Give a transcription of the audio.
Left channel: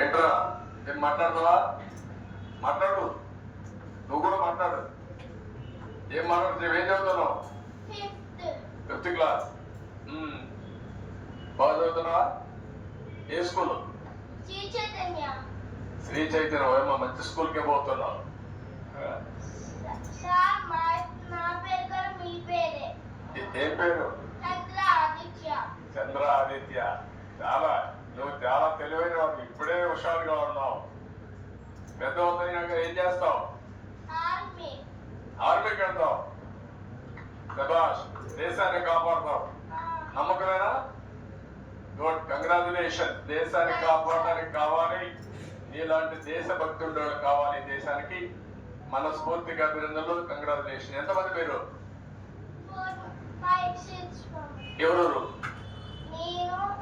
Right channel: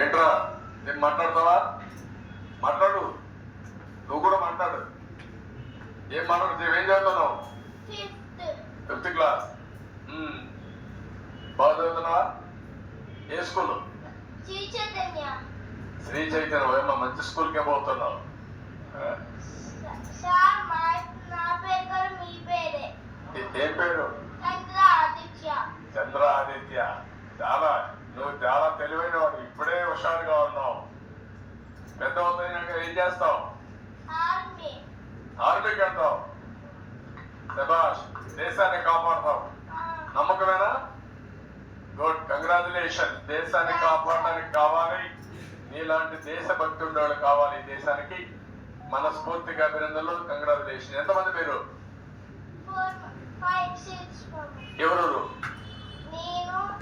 ఏంట్రా ఏం మాట్లాడతావా? మాట్లాడు, నువ్వు కూడా మాట్లాడు. ఏం మాట్లాడు, ఏం చదువుతున్నావు? Fifth class. బాగా చదువుతున్నావా? ఏ స్కూల్? శ్రీ చైతన్య. ఏమో మంచి స్కూల్కే పోతున్నావు. ఏం పేరు? చంద్ర ఆదిత్య. నువ్వు చాలా తెలివైన వాడు, ఇప్పుడే హుషారుగా ఉన్నావు. పెద్ద అవుతాయినాక ఏం చేస్తావు? ఆర్మీకి వెళ్తావు. శభాష్, దేశాన్ని కాపాడతావు. నమ్మకమేనా? Good, congratulation. దేశాన్ని కాపాడడానికి కావాలి, నీలాంటి దేశభక్తి ఉండేవాళ్ళు కావాలి ఈ దేశానికి. మనస్ఫూర్తిగా అభినందనలు, కంగ్రాచులేషన్. ఎంతమంది పేరు? ఎవరు?